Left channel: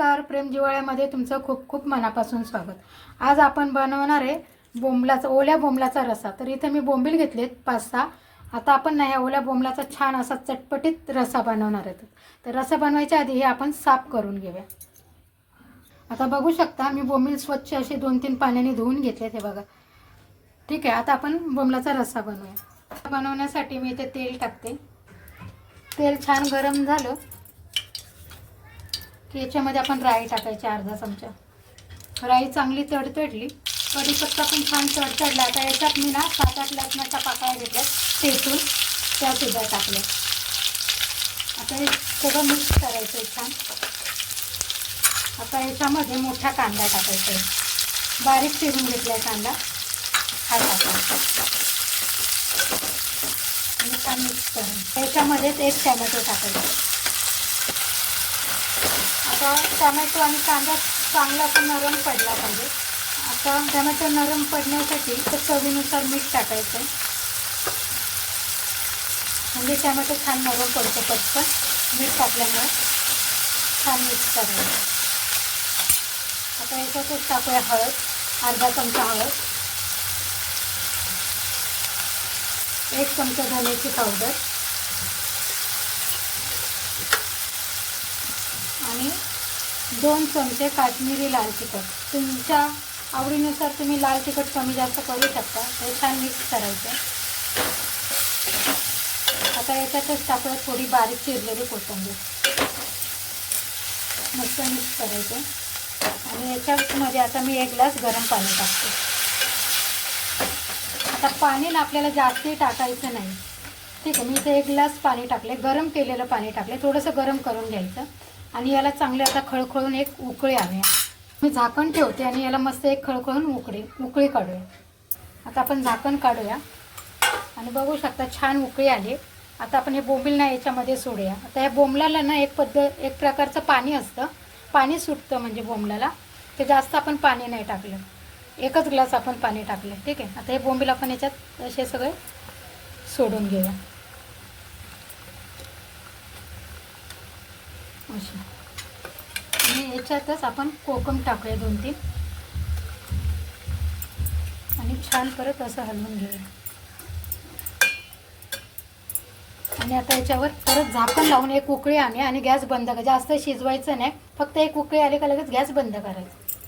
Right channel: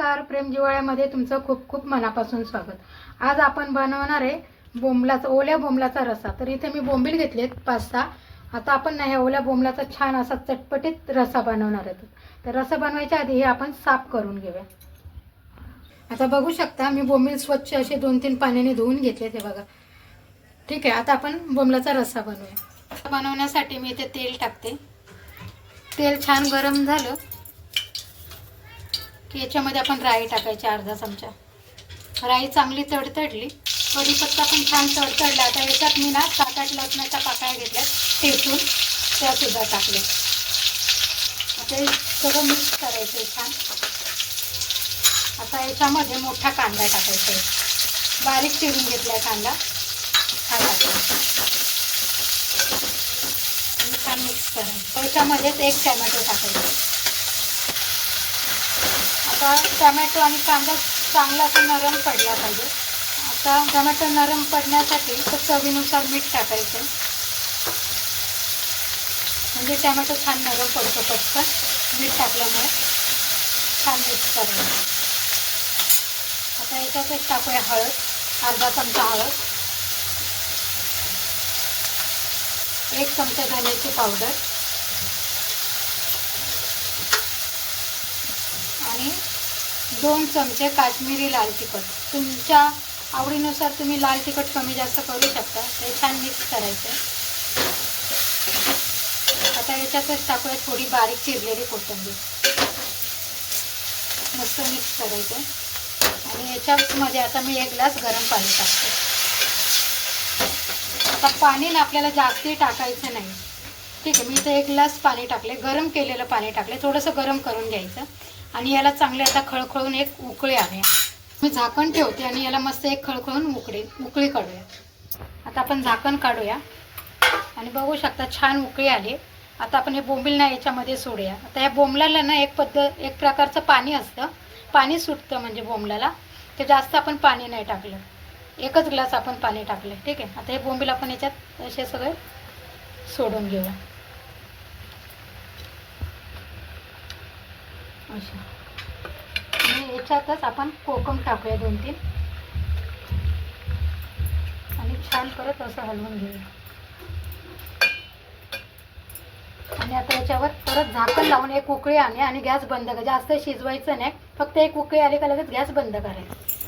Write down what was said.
नमस्कार प्रेम जिवाळ्यामध्ये तुमचं खूप खूप मनापासून स्वागत. आज आपण बनवणार आहे बोंबलाचा ओल्या बोंबलाचा रसा. तर इथे मी बोंबील घेतलेत पाच सहा आता आपण ना ह्या ओल्या बोंबलाचा छान असा चटपटीत रसा बनवणार आहोत. तर रसा बनवायच्या आधी हे आपण साफ करून घेऊया. आता बघू शकता मी बोंबील स्वच्छ असे दोन तीन पाण्याने धुवून घेतलेत हे बघा. ठीक आहे आता आपण बोंबलाचा रस्सा बनवूया. बनवण्यासाठी मी इथे तेल टाकते. तेल छान गरम झालं. की याच्यामध्ये आपण राई टाकायची अर्धा चमचा. राई चांगली तडतडली कढीपत्ता पण छान तडतडला. आता याच्यात मी ना सात आठ लसणाच्या पाकळ्या घेतल्या ठेचून त्या सुद्धा टाकल्या. आता हे सगळं मिक्स करायचं आहे छान. आता याच्यामध्ये मोठा कांदा टाकायचा आहे. बारीक चिरून घेतला कांदा. हा टाकायचा. छान मिक्स करा. त्याच्यामध्येच एक टॅमॅटो टाकायचा. आता टमॅटो आणि कांदा चांगला असं नरम पडला पाहिजे. आता टमॅटो नरम पडण्यासाठी तर चवीनुसार मीठ टाकायचं. म्हणजे टमॅटो छान नरम पडतो पटकन मीठ टाकल्यामुळे छान मिक्स करायचं. आता याच्यातच टाकूया हळद अर्धा चमचा हळद. एक चमचा धन्याची पावडर. आणि दोन चमचे काश्मीरी लाल तिखट. तुमच्या आवडीनुसार तुम्ही लाल तिखट कमी जास्त करू शकता. हे छान मिक्स करायचं आता याच्यातच टाकूया थोडी बारीक चिरलेली कोथिंबीर. मस्त मिक्स करायचं आणि याच्यामध्ये आता मी एक ग्लास गरम पाणी टाकते. आता पाणी ना आपल्याला जास्ती टाकायचं नाही. ठीक आहे मी इथे एक ग्लास पाणी टाकले गरम केलेलं पाणी टाकले थोडंसं गरम करून घ्यायचं. आणि याला चांगले आता खळखळून एक उकळी आहे मी झाकण ठेवते आणि याला मस्त एक खळखळून उकळी उकळी काढूया. आता आपण झाकण काढूया. आणि बघू शकता छान उकळी आली. आता आपण हे बोंबील ना याच्यामध्ये सोडूया. आता या बोंबलाला ना एक पद्धत एक प्रकारचं पाणी असतं. पाणी सुटतं म्हणजे बोंबलाला. ते जास्त आपण पाणी नाही टाकलं. एकच ग्लास आपण पाणी टाकलं. ठीक आहे? आता हे बोंबील आपण याच्यात असे सगळे सोडून घेऊया. अशी. आणि याच्यातच आपण कोकम टाकूया दोन तीन. आणि छान परत असं हलवून घेऊया. आणि आता याच्यावर परत झाकण लावून एक उकळी आणे आणि गॅस बंद कर. जास्त शिजवायचं नाही. फक्त एक उकळी आली का लगेच गॅस बंद करायचं.